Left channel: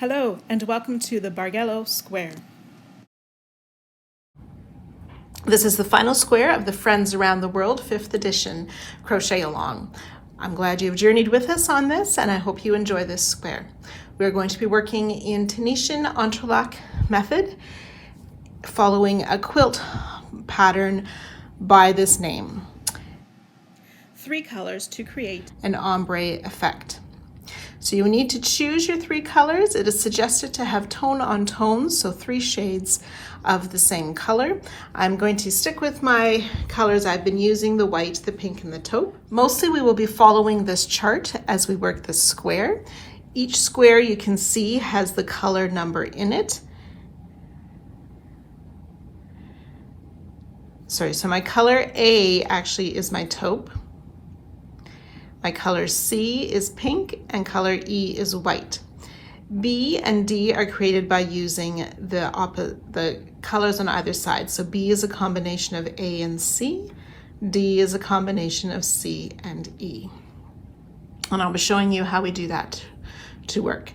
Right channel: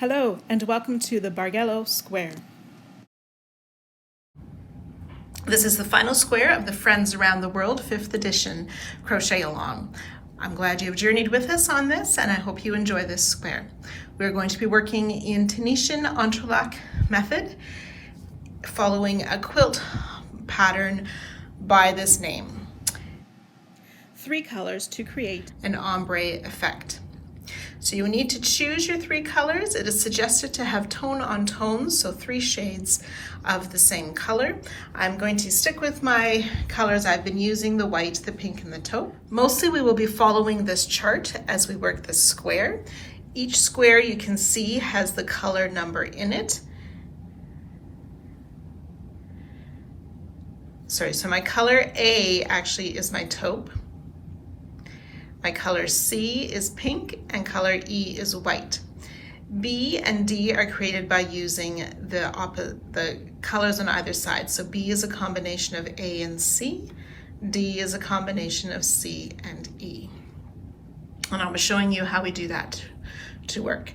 Hello and welcome to the Bargello square. This is the final square of the Friends Around the World 5th edition Crochet Along. I'm glad you've journeyed with us on this and I hope you enjoy this square. We're going to be working in Tunisian entrelac method following a quilt pattern by this name. 3 colors to create an ombre effect. So you need to choose your 3 colors. It is suggested to have tone on tones, so 3 shades of the same color. I'm going to stick with my colors I've been using, the white, the pink, and the taupe. Mostly we will be following this chart as we work this square. Each square you can see has the color number in it. Sorry, so my color A actually is my taupe. My color C is pink and color E is white. B and D are created by using the colors on either side. So B is a combination of A and C. D is a combination of C and E. And I'll be showing you how we do that to work.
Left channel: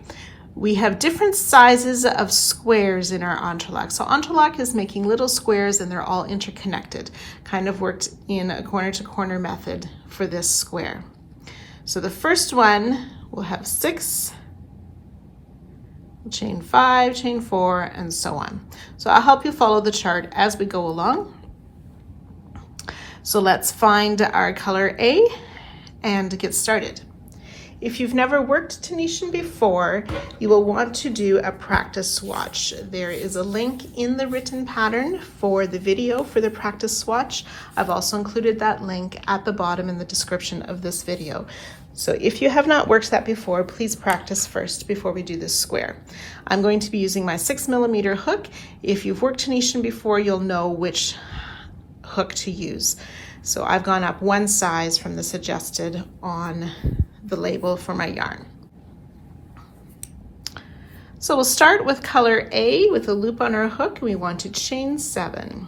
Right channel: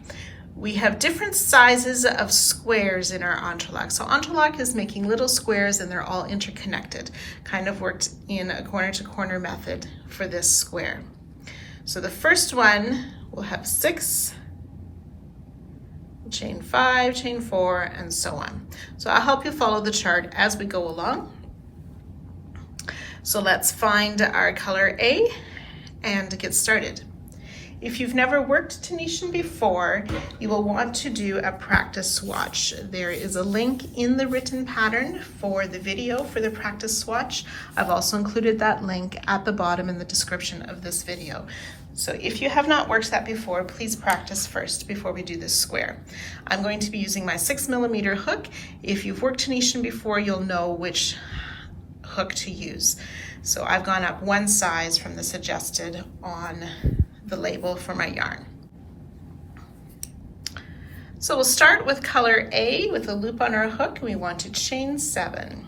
We have different sizes of squares in our entrelac. So entrelac is making little squares and they're all interconnected. Kind of worked in a corner to corner method for this square. So the first one will have 6, chain 5, chain 4, and so on. So I'll help you follow the chart as we go along. So let's find our color A and get started. If you've never worked Tunisian before, you will want to do a practice swatch. There is a link in the written pattern for the video for the practice swatch. I've also included that link at the bottom in the description of this video. So if you have not worked that before, please practice first before we do this square. I'm going to be using my 6mm hook. If you've worked Tunisian before, you'll know which hook to use. So I've gone up 1 size from the suggested on the label for my yarn. So we'll start with color A with a loop on our hook. We want to chain 7.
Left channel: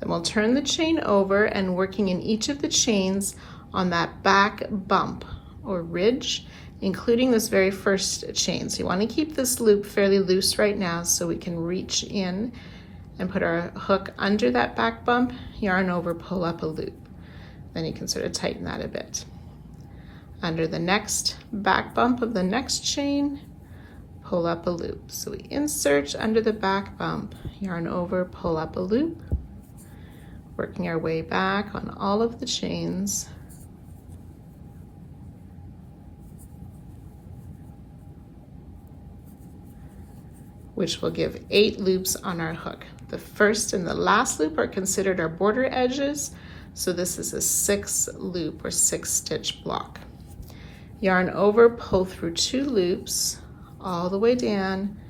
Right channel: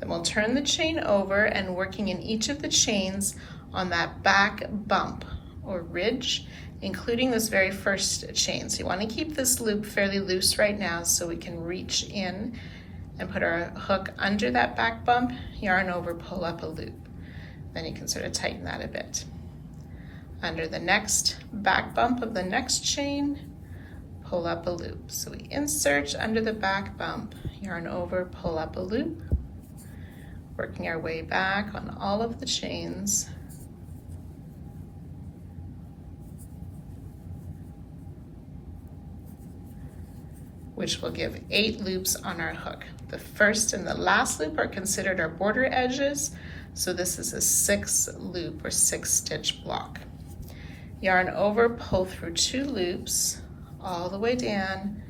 Then we'll turn the chain over and working in each of the chains on that back bump or ridge, including this very first chain. So you want to keep this loop fairly loose right now so we can reach in and put our hook under that back bump, yarn over, pull up a loop. Then you can sort of tighten that a bit. Under the next back bump of the next chain, pull up a loop. So we insert under the back bump, yarn over, pull up a loop, working our way back on all of the chains. Which will give 8 loops on our hook. The first and the last loop are considered our border edges, so this is a 6 loop or 6 stitch block. Yarn over, pull through 2 loops all the way down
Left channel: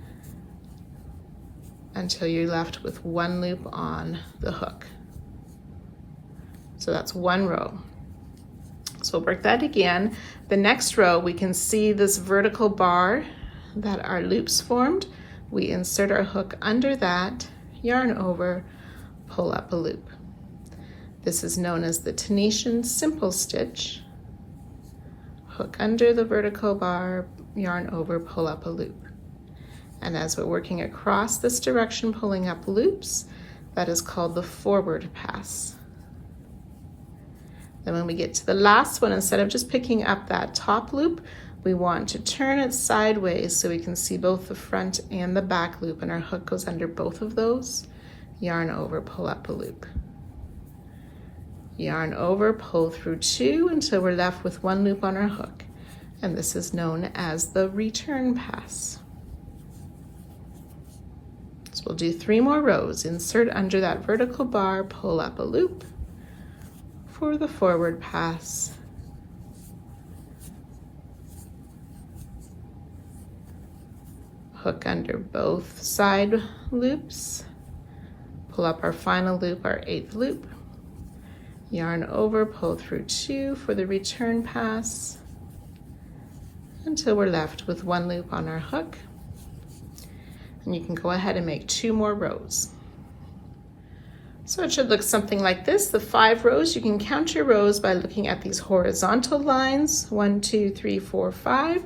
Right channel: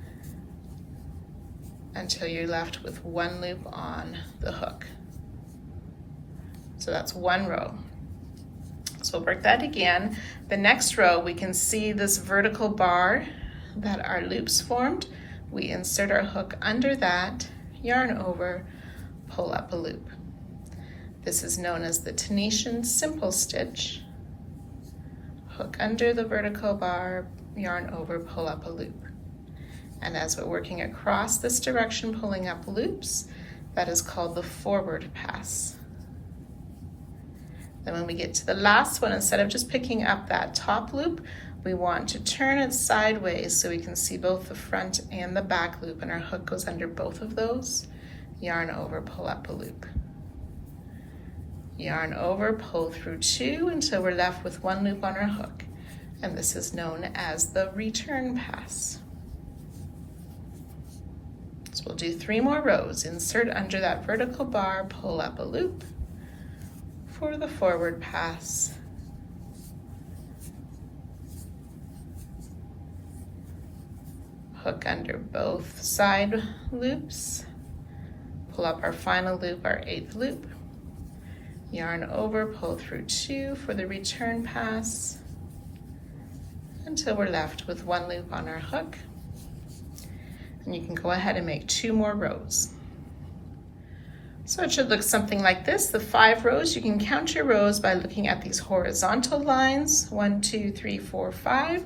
until you're left with 1 loop on the hook. So that's 1 row. So we'll work that again. The next row we can see this vertical bar that our loops formed. We insert our hook under that, yarn over, pull up a loop. This is known as the Tunisian simple stitch. Hook under the vertical bar, yarn over, pull up a loop. And as we're working across this direction, pulling up loops, that is called the forward pass. Then when we get to the last one, instead of just picking up that top loop, we want to turn it sideways so we can see both the front and the back loop, and our hook goes under both of those. Yarn over, pull up a loop. Yarn over, pull through 2 until we're left with 1 loop on our hook. And this is known as the return pass. So we'll do 3 more rows. Insert under that vertical bar, pull up a loop for the forward pass. Hook under both side loops, pull up our final loop, our 8th loop, yarn over, pull through 2 for the return pass until we're left with 1 loop on our hook. And you can go ahead and make 2 more rows. So it should look something like this. The 5 rows, you can count your rows by looking at these horizontal lines, 1, 2, 3, 4, 5,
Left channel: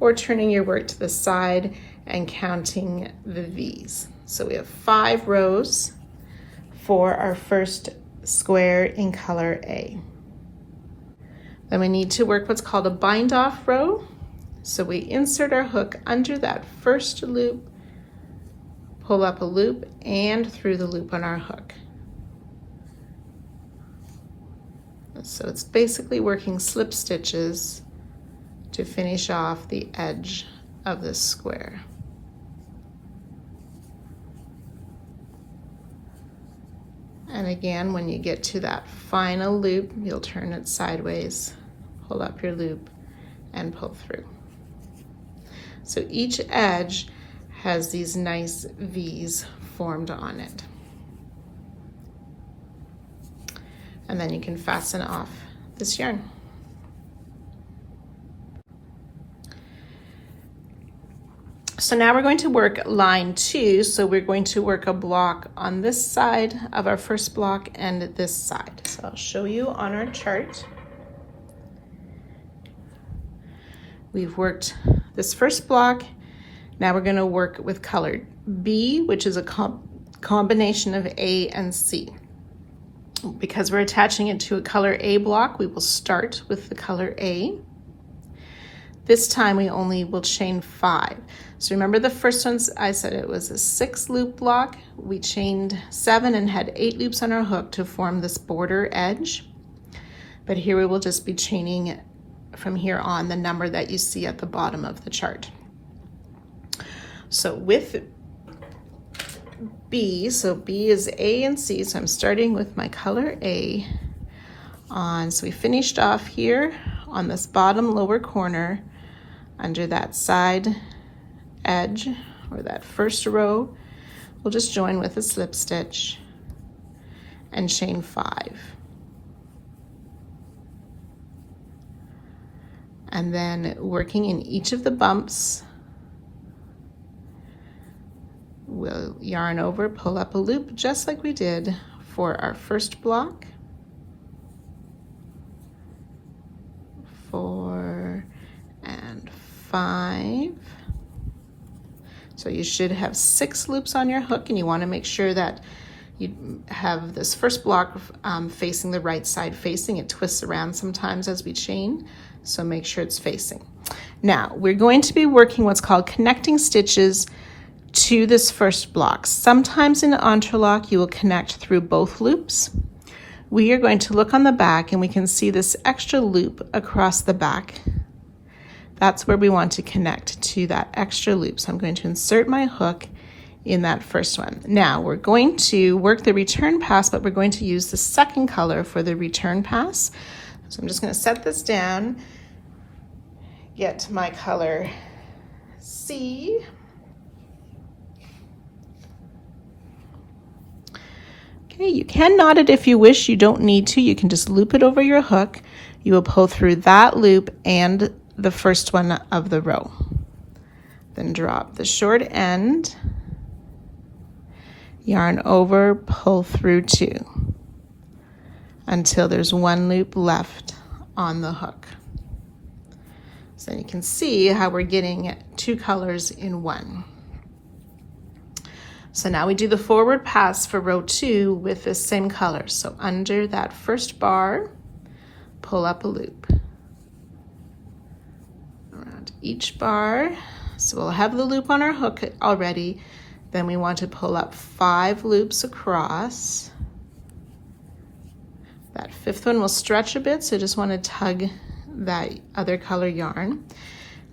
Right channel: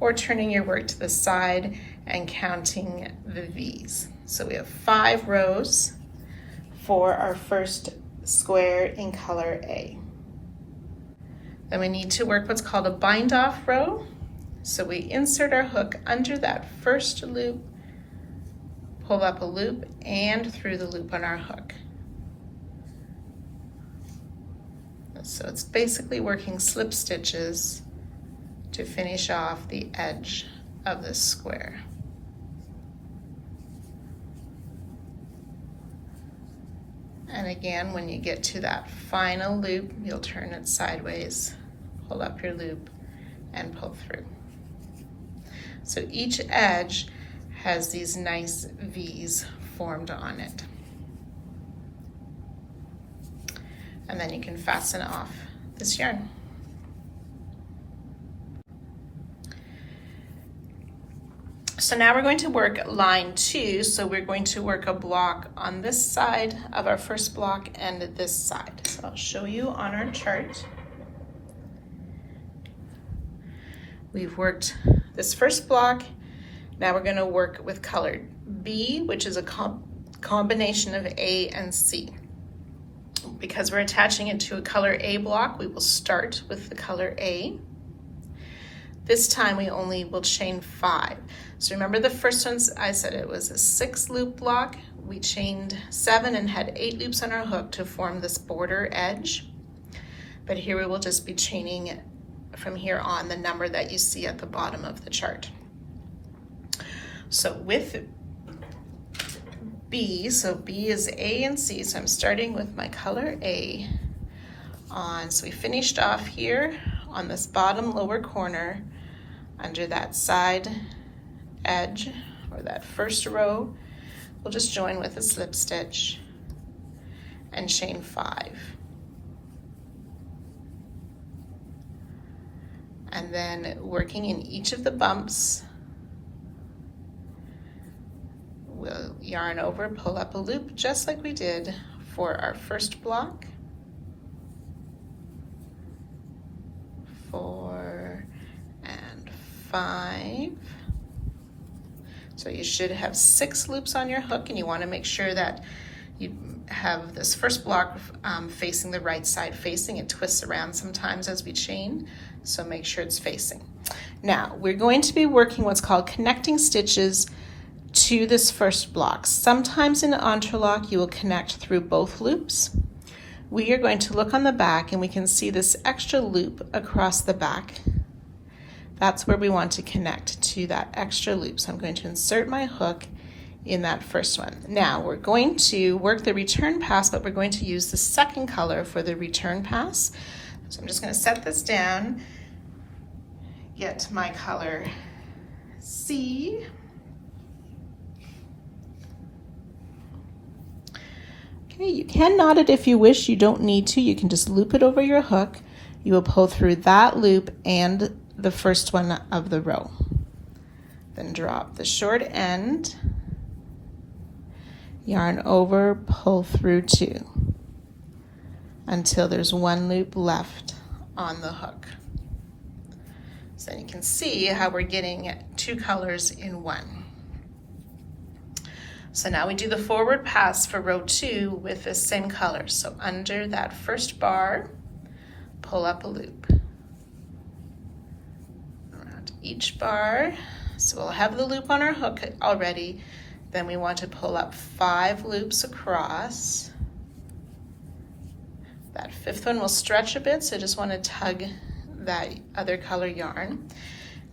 or turning your work to the side and counting the V's. So we have 5 rows for our first square in color A. Then we need to work what's called a bind off row. So we insert our hook under that first loop, pull up a loop, and through the loop on our hook. So it's basically working slip stitches to finish off the edge of this square. And again, when you get to that final loop, you'll turn it sideways, pull up your loop, and pull through. So each edge has these nice V's formed on it. And then you can fasten off this yarn. So now we're going to work line 2. So we're going to work a block on this side of our first block and this side. So I'll show you on our chart. We've worked this first block. Now we're going to work with color B, which is a combination of A and C. Because we're attaching it to a color A block, we will start with the color A. This time we only will chain 5. So remember the first one, I said it was a 6 loop block. We chained 7 and had 8 loops on our hook to form this border edge. But here we will just be chaining from here on the number that you see at the bottom of the chart. So with B, so B is A and C, so I'm starting with my color A on, so we finished off here on this bottom lower corner under that side edge or that first row. We'll just join with a slip stitch and chain 5. And then working in each of the bumps, we'll yarn over, pull up a loop just like we did for our first block. 4 and 5. So you should have 6 loops on your hook, and you want to make sure that you have this first block facing the right side facing. It twists around sometimes as we chain, so make sure it's facing. Now we're going to be working what's called connecting stitches to this first block. Sometimes in interlock you will connect through both loops. We are going to look on the back and we can see this extra loop across the back. That's where we want to connect to that extra loop. So I'm going to insert my hook in that first one. Now we're going to work the return pass, but we're going to use the second color for the return pass. So I'm just going to set this down, get my color C. Okay, you can knot it if you wish. You don't need to. You can just loop it over your hook. You will pull through that loop and the first one of the row. Then drop the short end, yarn over, pull through 2 until there's 1 loop left on the hook. So you can see how we're getting 2 colors in 1. So now we do the forward pass for row 2 with the same color. So under that first bar, pull up a loop. Around each bar, so we'll have the loop on our hook already. Then we want to pull up 5 loops across. That 5th one will stretch a bit, so you just want to tug that other color yarn.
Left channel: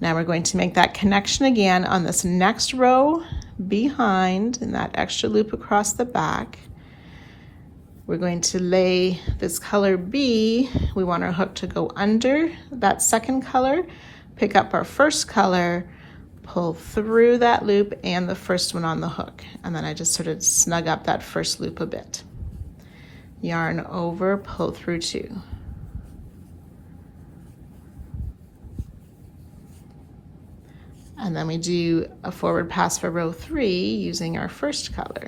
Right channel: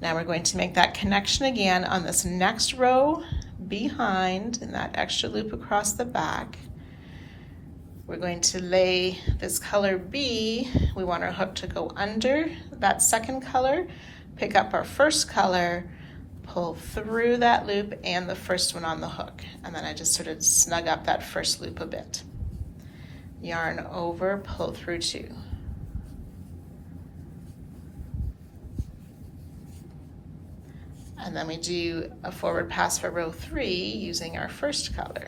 Now we're going to make that connection again on this next row behind in that extra loop across the back. We're going to lay this color B. We want our hook to go under that second color, pick up our first color, pull through that loop and the first one on the hook. And then I just sort of snug up that first loop a bit. Yarn over, pull through 2. And then we do a forward pass for row 3 using our first color.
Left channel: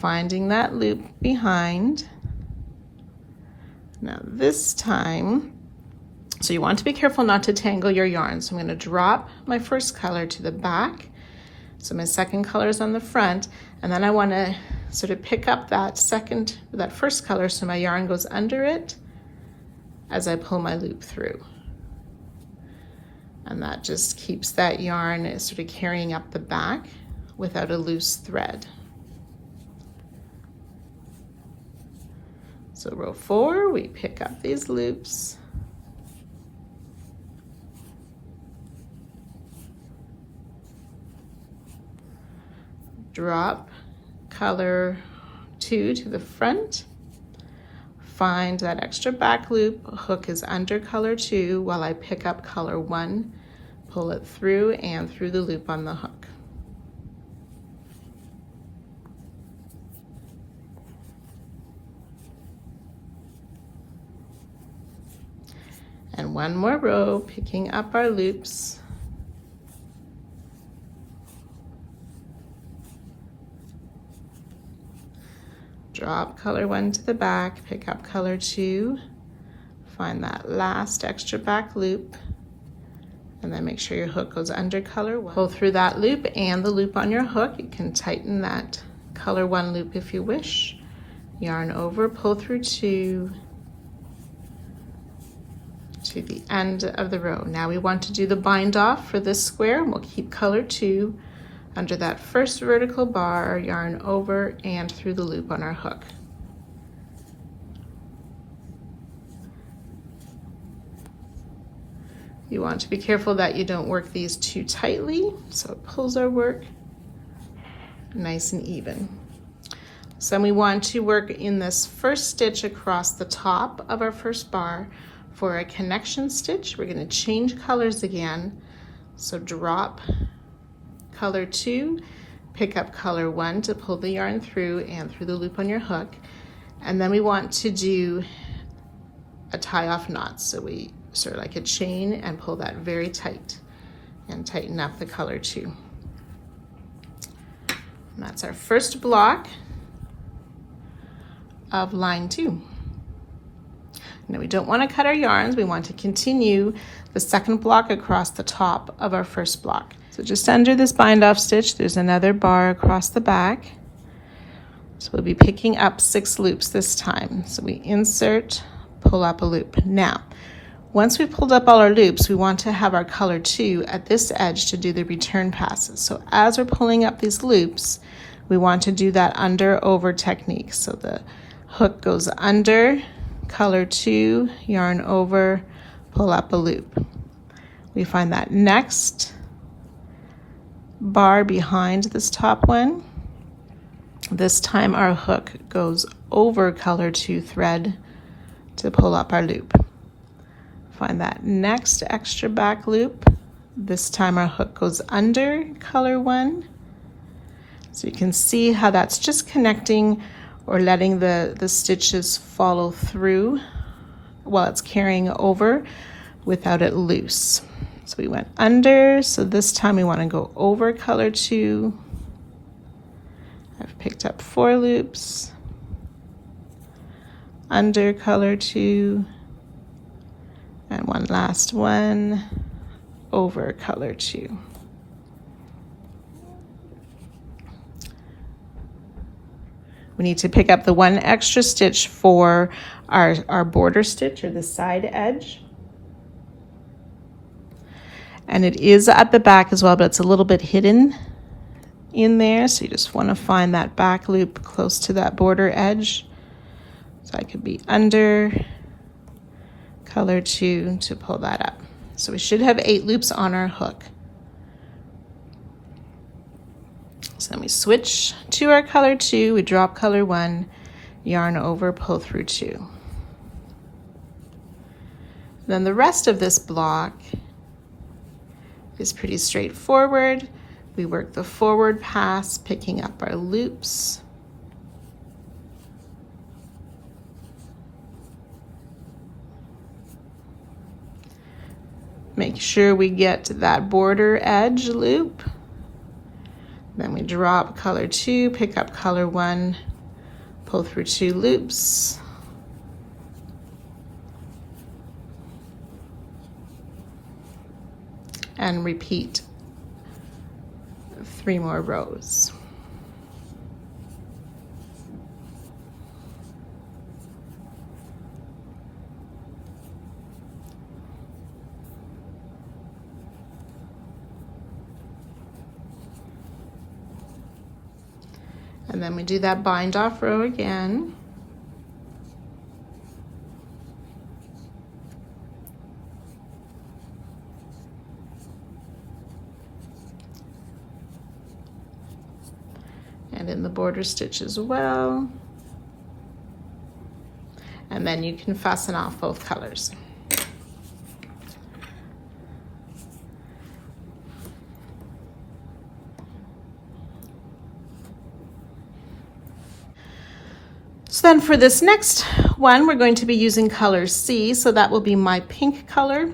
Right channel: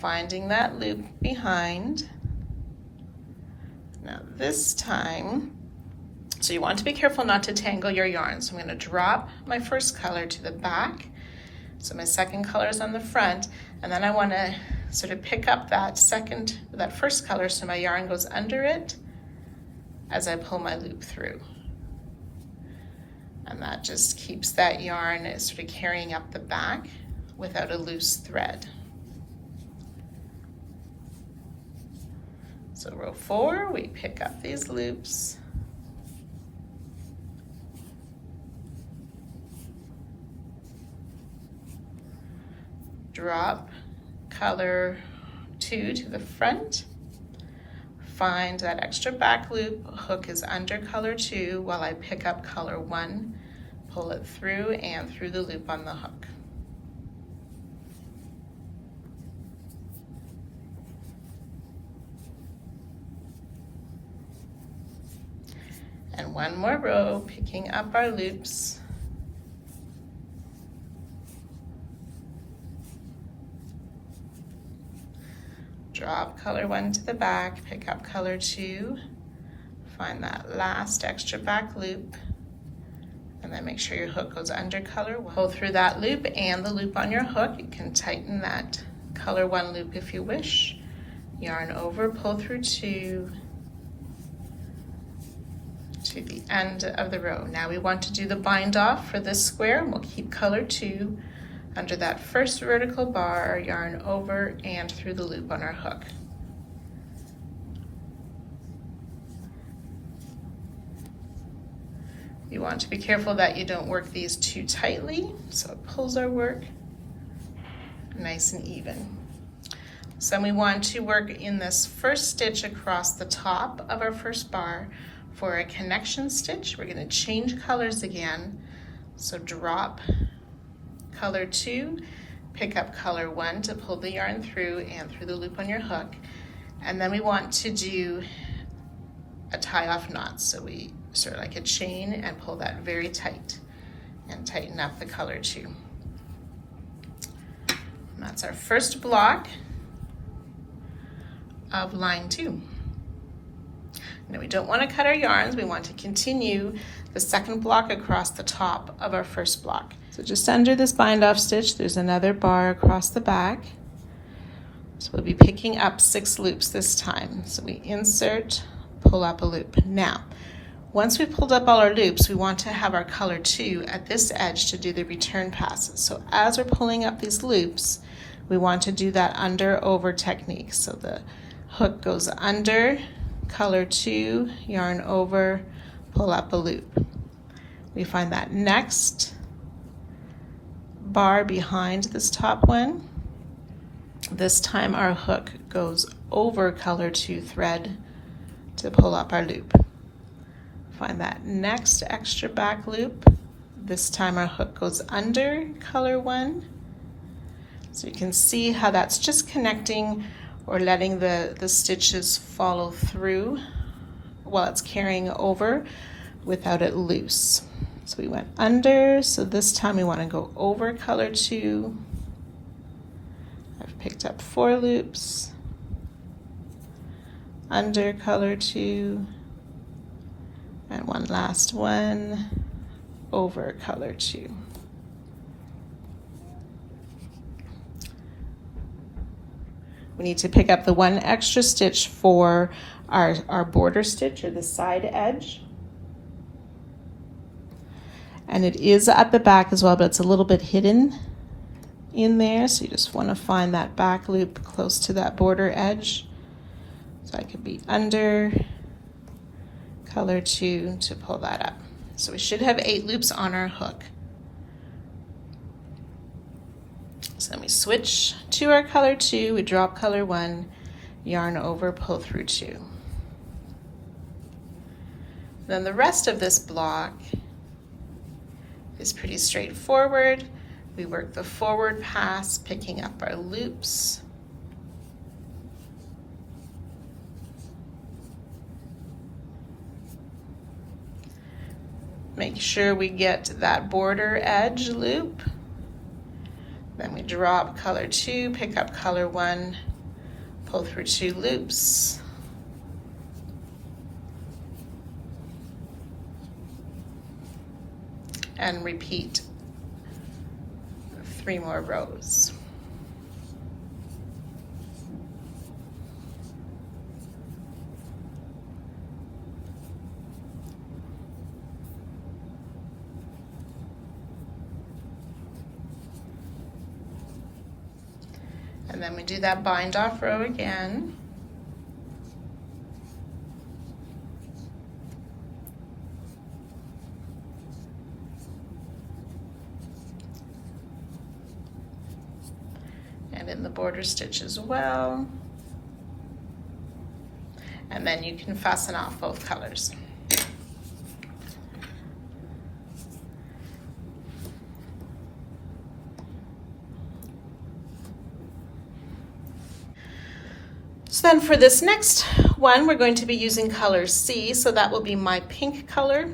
finding that loop behind. Now this time, so you want to be careful not to tangle your yarn. So I'm going to drop my first color to the back. So my second color is on the front, and then I want to sort of pick up that first color so my yarn goes under it as I pull my loop through. And that just keeps that yarn sort of carrying up the back without a loose thread. So row 4, we pick up these loops. Drop color 2 to the front. Find that extra back loop, hook is under color 2 while I pick up color 1, pull it through and through the loop on the hook. And one more row, picking up our loops. Drop color 1 to the back, pick up color 2, find that last extra back loop, and then make sure your hook goes under color 1. Pull through that loop and the loop on your hook. You can tighten that color 1 loop if you wish. Yarn over, pull through 2 to the end of the row. Now we want to do the bind off for this square, and we'll keep color 2 under that first vertical bar, yarn over and through the loop on our hook. You want to be careful that you don't work these too tightly, so it pulls our work nice and even. So then we want to work in this first stitch across the top of our first bar for a connection stitch. We're going to change colors again, so drop color 2, pick up color 1 to pull the yarn through and through the loop on your hook, and then we want to do a tie-off knot. So we sort of like a chain and pull that very tight and tighten up the color 2. And that's our first block of line 2. Now we don't want to cut our yarns, we want to continue the second block across the top of our first block. So just under this bind off stitch, there's another bar across the back. So we'll be picking up 6 loops this time. So we insert, pull up a loop. Now, once we've pulled up all our loops, we want to have our color 2 at this edge to do the return passes. So as we're pulling up these loops, we want to do that under over technique. So the hook goes under, color 2, yarn over, pull up a loop. We find that next bar behind this top one. This time our hook goes over color 2 thread to pull up our loop. Find that next extra back loop. This time our hook goes under color 1. So you can see how that's just connecting or letting the stitches follow through while it's carrying over without it loose. So we went under, so this time we want to go over color 2. I've picked up 4 loops, under color 2, and one last one, over color 2. We need to pick up the 1 extra stitch for our border stitch or the side edge. And it is at the back as well, but it's a little bit hidden in there. So you just want to find that back loop close to that border edge. So I could be under color 2 to pull that up. So we should have 8 loops on our hook. So then we switch to our color 2, we drop color 1, yarn over, pull through 2. Then the rest of this block is pretty straightforward. We work the forward pass, picking up our loops. Make sure we get to that border edge loop. Then we drop color 2, pick up color 1, pull through 2 loops, and repeat 3 more rows. And then we do that bind off row again. And in the border stitch as well. And then you can fasten off both colors. So then for this next one, we're going to be using color C, so that will be my pink color.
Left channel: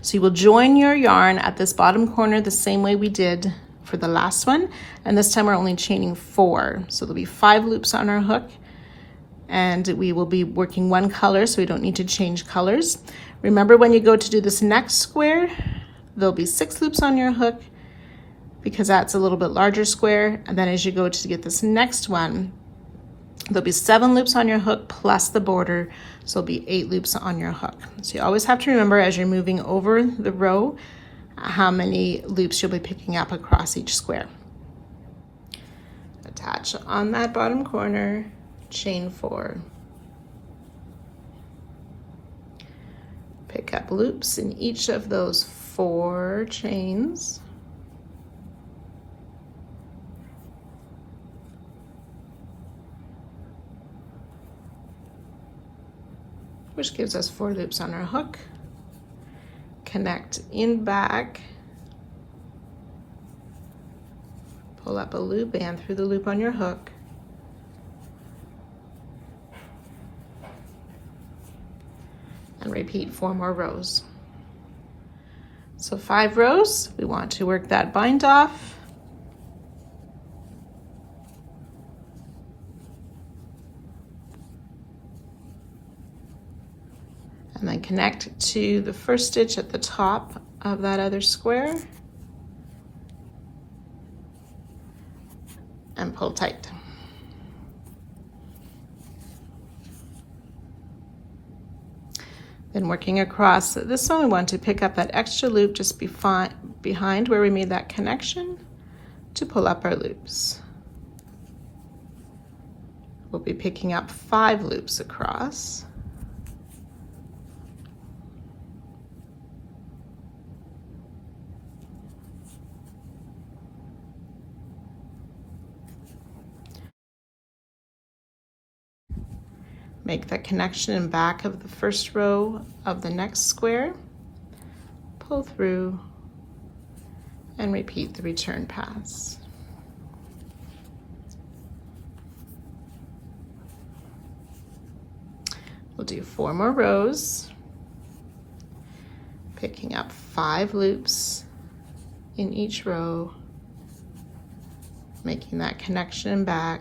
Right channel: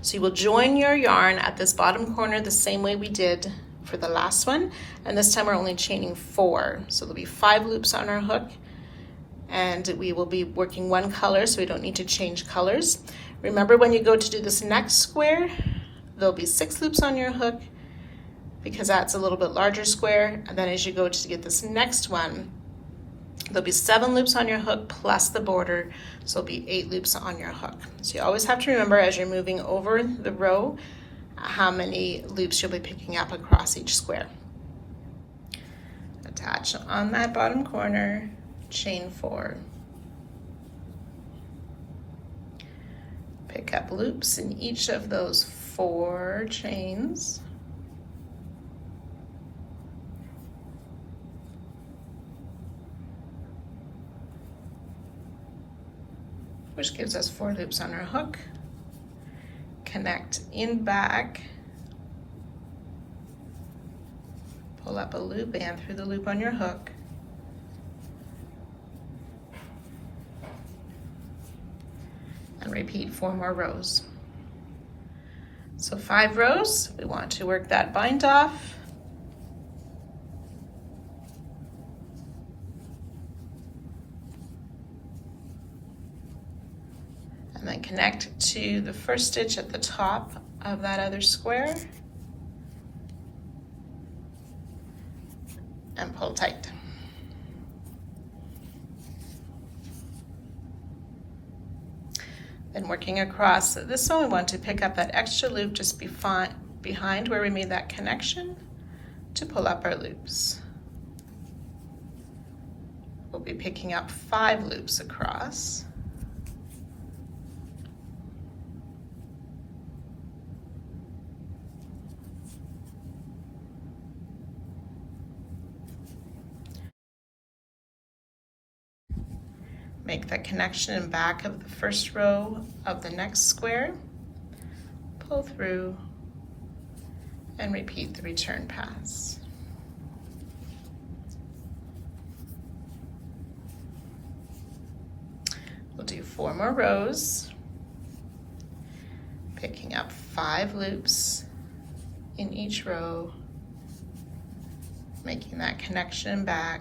So you will join your yarn at this bottom corner the same way we did for the last one, and this time we're only chaining 4. So there'll be 5 loops on our hook, and we will be working 1 color, so we don't need to change colors. Remember, when you go to do this next square, there'll be 6 loops on your hook because that's a little bit larger square, and then as you go to get this next one, there'll be 7 loops on your hook plus the border, so there'll be 8 loops on your hook. So you always have to remember as you're moving over the row how many loops you'll be picking up across each square. Attach on that bottom corner, chain 4. Pick up loops in each of those 4 chains. Which gives us 4 loops on our hook. Connect in back, pull up a loop and through the loop on your hook. And repeat 4 more rows. So 5 rows, we want to work that bind off. And then connect to the first stitch at the top of that other square and pull tight. Then working across this one, we want to pick up that extra loop just behind where we made that connection to pull up our loops. We'll be picking up 5 loops across. Make that connection in back of the first row of the next square, pull through, and repeat the return pass. We'll do 4 more rows, picking up 5 loops in each row, making that connection back,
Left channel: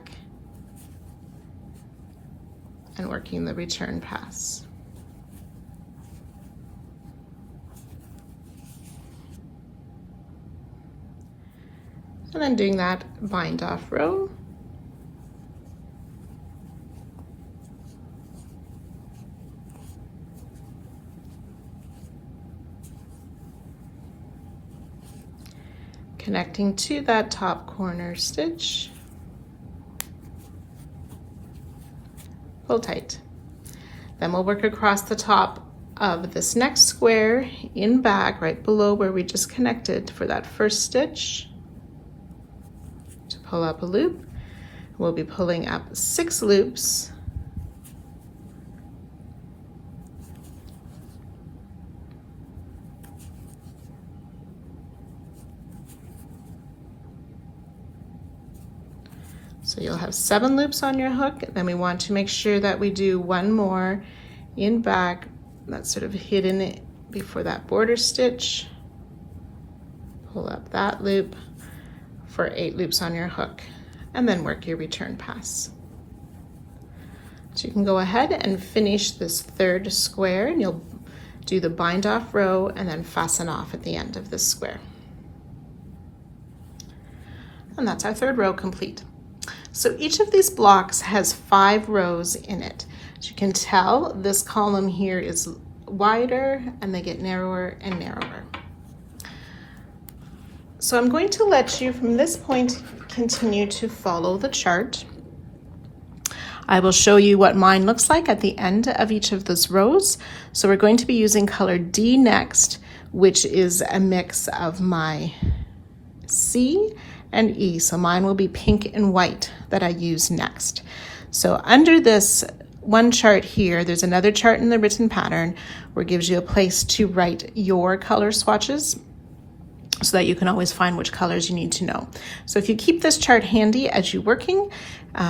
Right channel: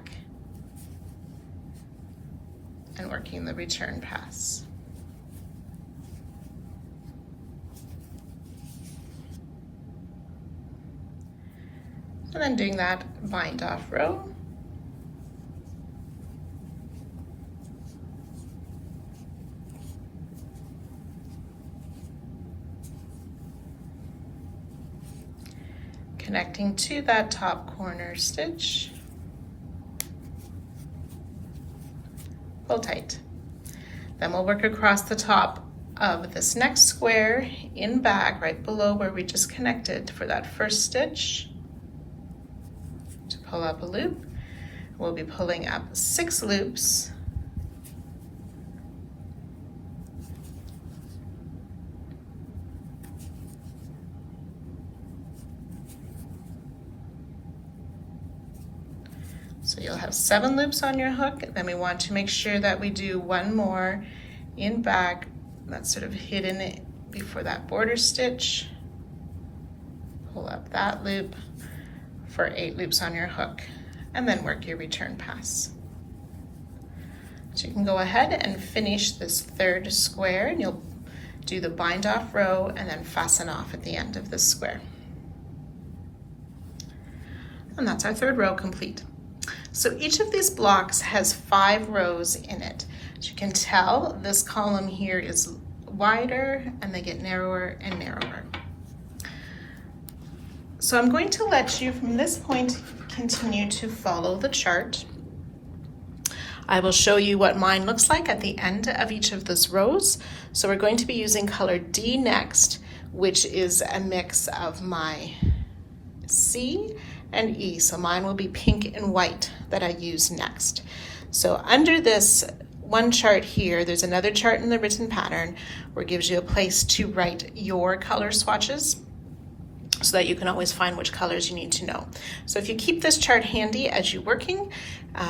and working the return pass. And then doing that bind off row. Connecting to that top corner stitch. Pull tight. Then we'll work across the top of this next square in back, right below where we just connected for that first stitch, to pull up a loop. We'll be pulling up 6 loops. So you'll have 7 loops on your hook, then we want to make sure that we do 1 more in back that's sort of hidden before that border stitch. Pull up that loop for 8 loops on your hook, and then work your return pass. So you can go ahead and finish this third square, and you'll do the bind off row and then fasten off at the end of this square. And that's our third row complete. So each of these blocks has 5 rows in it. As you can tell, this column here is wider and they get narrower and narrower. So I'm going to let you from this point continue to follow the chart. I will show you what mine looks like at the end of each of those rows. So we're going to be using color D next, which is a mix of my C and E. So mine will be pink and white that I use next. So under this one chart here, there's another chart in the written pattern where it gives you a place to write your color swatches so that you can always find which colors you need to know. So if you keep this chart handy as you're working,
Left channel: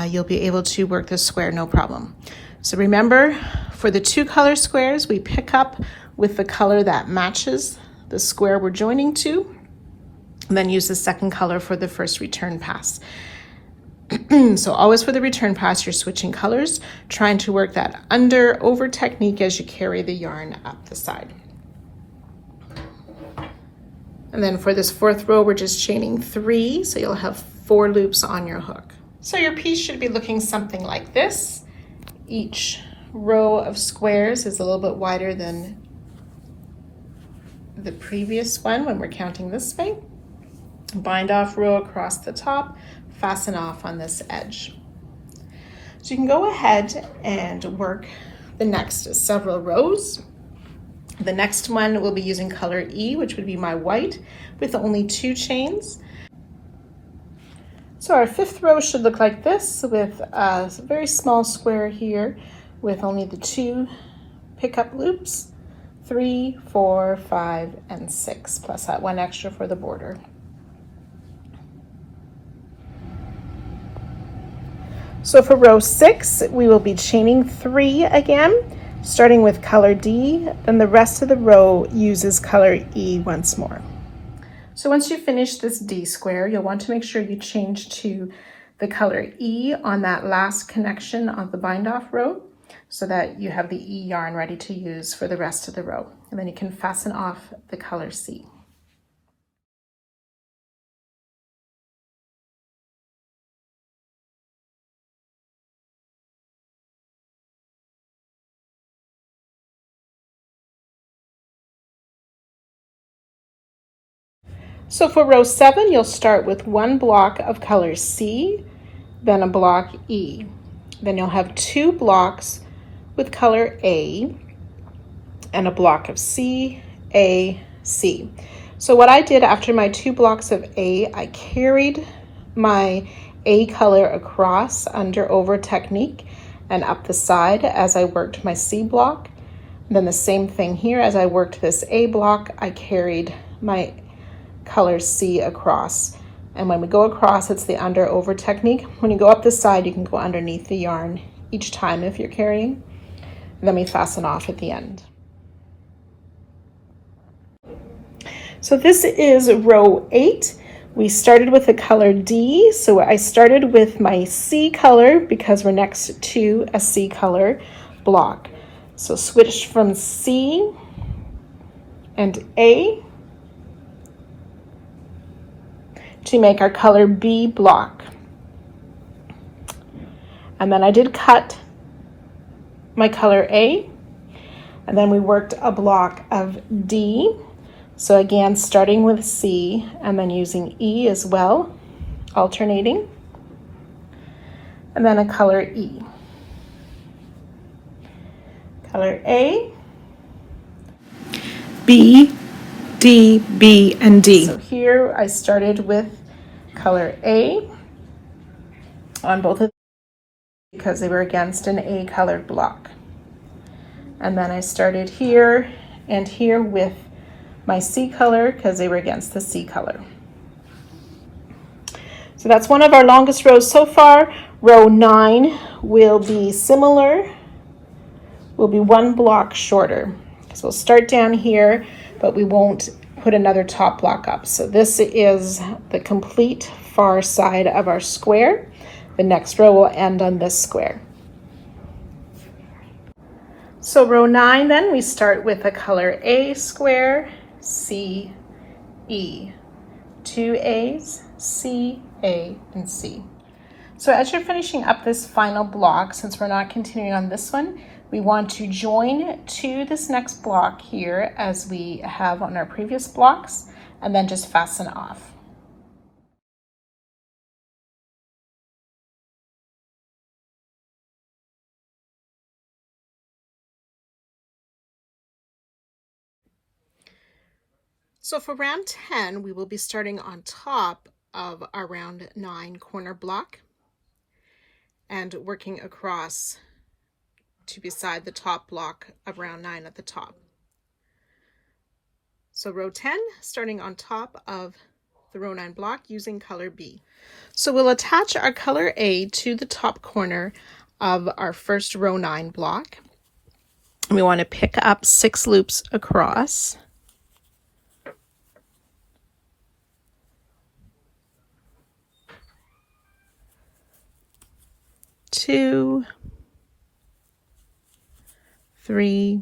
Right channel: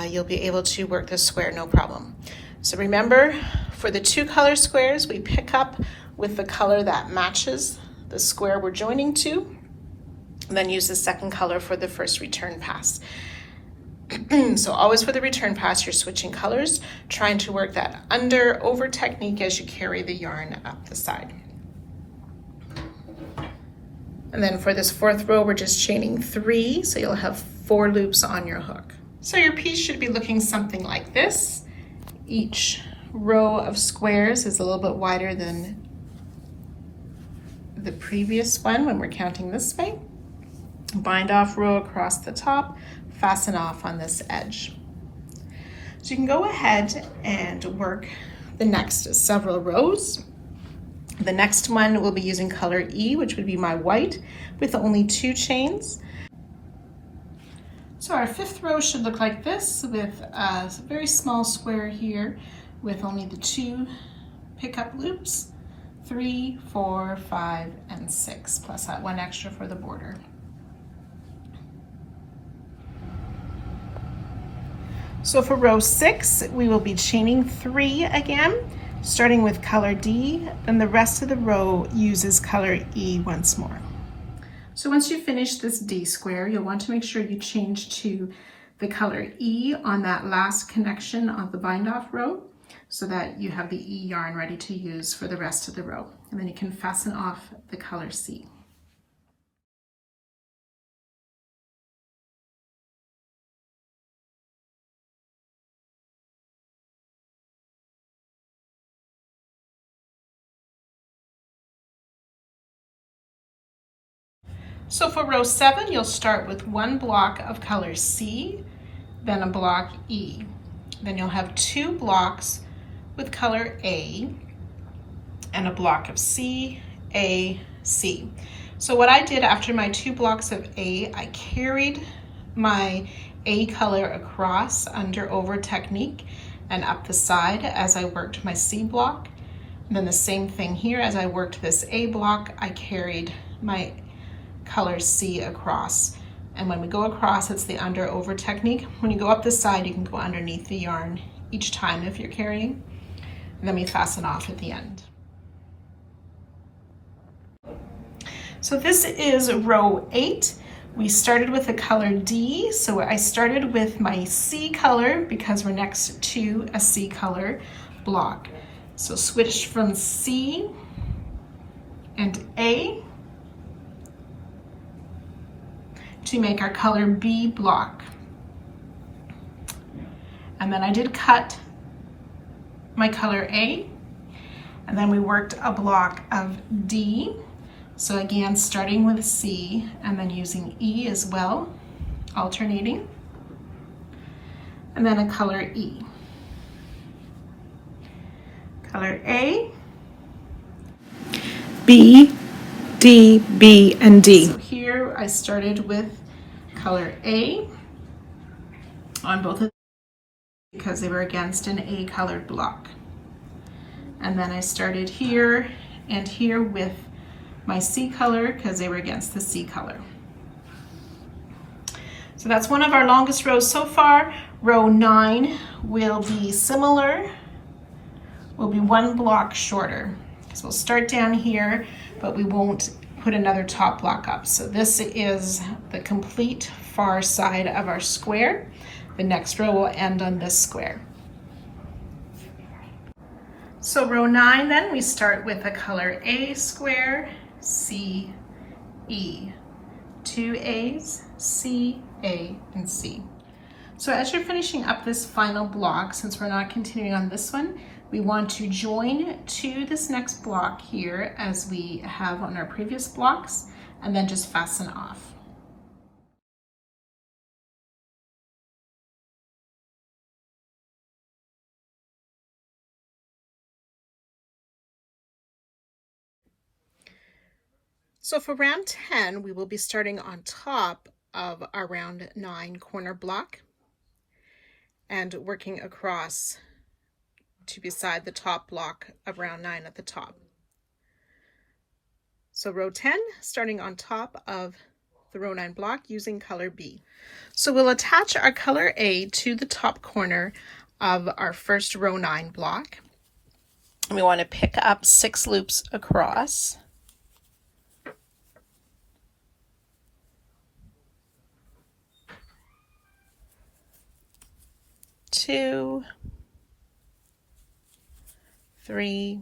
you'll be able to work this square no problem. So remember, for the 2 color squares, we pick up with the color that matches the square we're joining to, and then use the second color for the first return pass. So always for the return pass, you're switching colors, trying to work that under over technique as you carry the yarn up the side. And then for this 4th row, we're just chaining 3, so you'll have 4 loops on your hook. So your piece should be looking something like this. Each row of squares is a little bit wider than the previous one when we're counting this way. Bind off row across the top, fasten off on this edge. So you can go ahead and work the next several rows. The next one we'll be using color E, which would be my white, with only 2 chains. So our 5th row should look like this, with a very small square here with only the 2 pickup loops, 3, 4, 5, and 6, plus that 1 extra for the border. So for row 6, we will be chaining 3 again, starting with color D, then the rest of the row uses color E once more. So once you finish this D square, you'll want to make sure you change to the color E on that last connection of the bind off row so that you have the E yarn ready to use for the rest of the row. And then you can fasten off the color C. So for row 7, you'll start with 1 block of color C, then a block E. Then you'll have 2 blocks with color A and a block of C, A, C. So what I did after my 2 blocks of A, I carried my A color across under over technique and up the side as I worked my C block. And then the same thing here, as I worked this A block, I carried my color C across. And when we go across, it's the under over technique. When you go up the side, you can go underneath the yarn each time if you're carrying. And then we fasten off at the end. So this is row 8. We started with the color D. So I started with my C color because we're next to a C color block. So switched from C and A to make our color B block. And then I did cut my color A, and then we worked a block of D. So again, starting with C and then using E as well, alternating, and then a color E. Color A, B, D, B, and D. So here I started with color A on both of them because they were against an A colored block. And then I started here and here with my C color because they were against the C color. So that's one of our longest rows so far. Row 9 will be similar, will be 1 block shorter. So we'll start down here, but we won't put another top block up. So this is the complete far side of our square. The next row will end on this square. So row 9 then, we start with a color A square, C, E. 2 A's, C, A, and C. So as you're finishing up this final block, since we're not continuing on this one, we want to join to this next block here as we have on our previous blocks, and then just fasten off. So for round 10, we will be starting on top of our round 9 corner block and working across to beside the top block of round 9 at the top. So row 10, starting on top of the row 9 block using color B. So we'll attach our color A to the top corner of our first row 9 block. We want to pick up 6 loops across. Two, 3,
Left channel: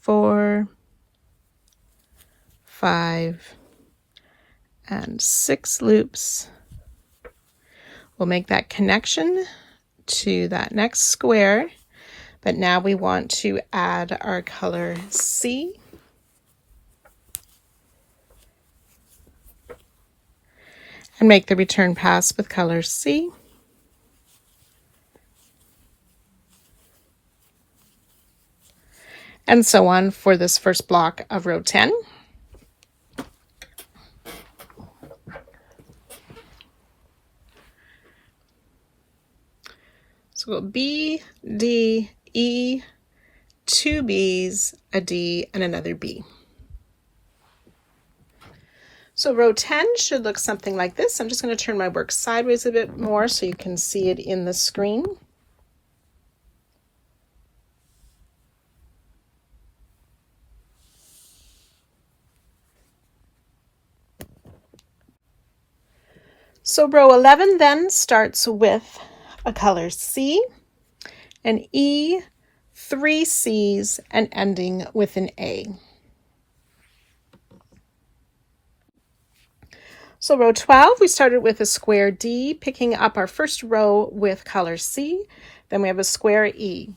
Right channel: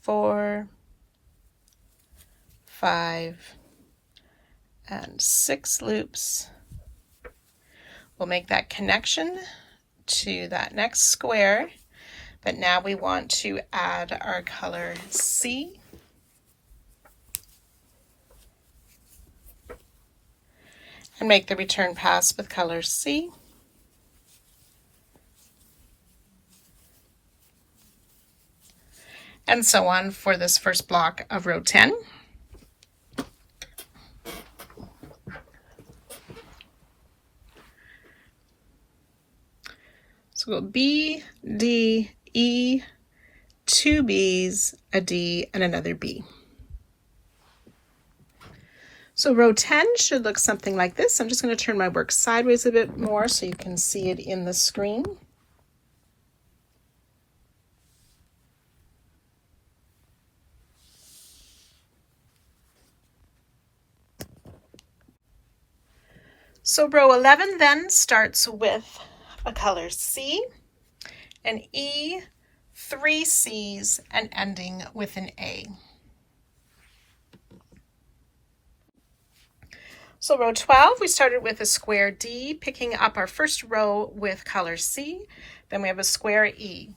4, 5, and 6 loops. We'll make that connection to that next square, but now we want to add our color C. And make the return pass with color C. And so on for this first block of row 10. So we'll B, D, E, 2 B's, a D, and another B. So row 10 should look something like this. I'm just going to turn my work sideways a bit more so you can see it in the screen. So row 11 then starts with a color C, an E, 3 C's, and ending with an A. So row 12, we started with a square D, picking up our first row with color C. Then we have a square E.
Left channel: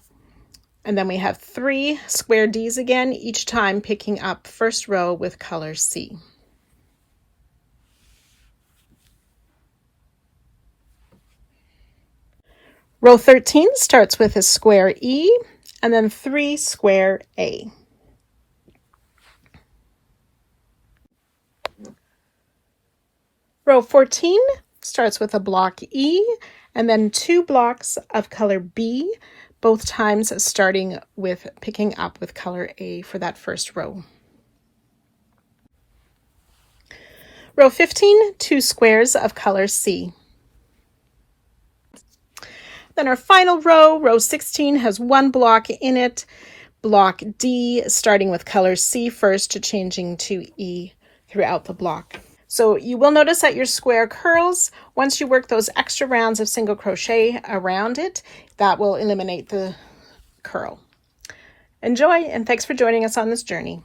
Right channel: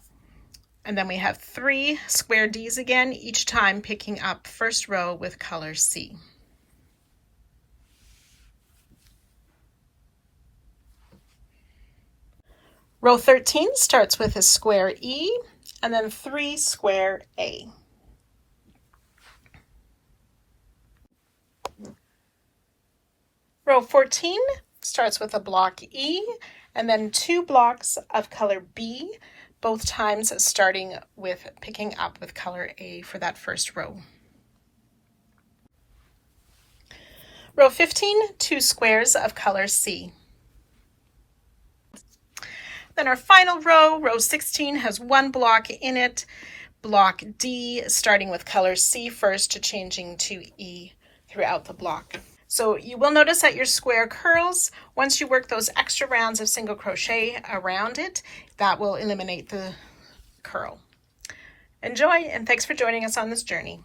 And then we have 3 square Ds again, each time picking up first row with color C. Row 13 starts with a square E and then 3 square A. Row 14 starts with a block E and then 2 blocks of color B, both times starting with picking up with color A for that first row. Row 15, 2 squares of color C. Then our final row, row 16, has 1 block in it, block D, starting with color C first to changing to E throughout the block. So you will notice that your square curls. Once you work those extra rounds of single crochet around it, that will eliminate the curl. Enjoy, and thanks for joining us on this journey.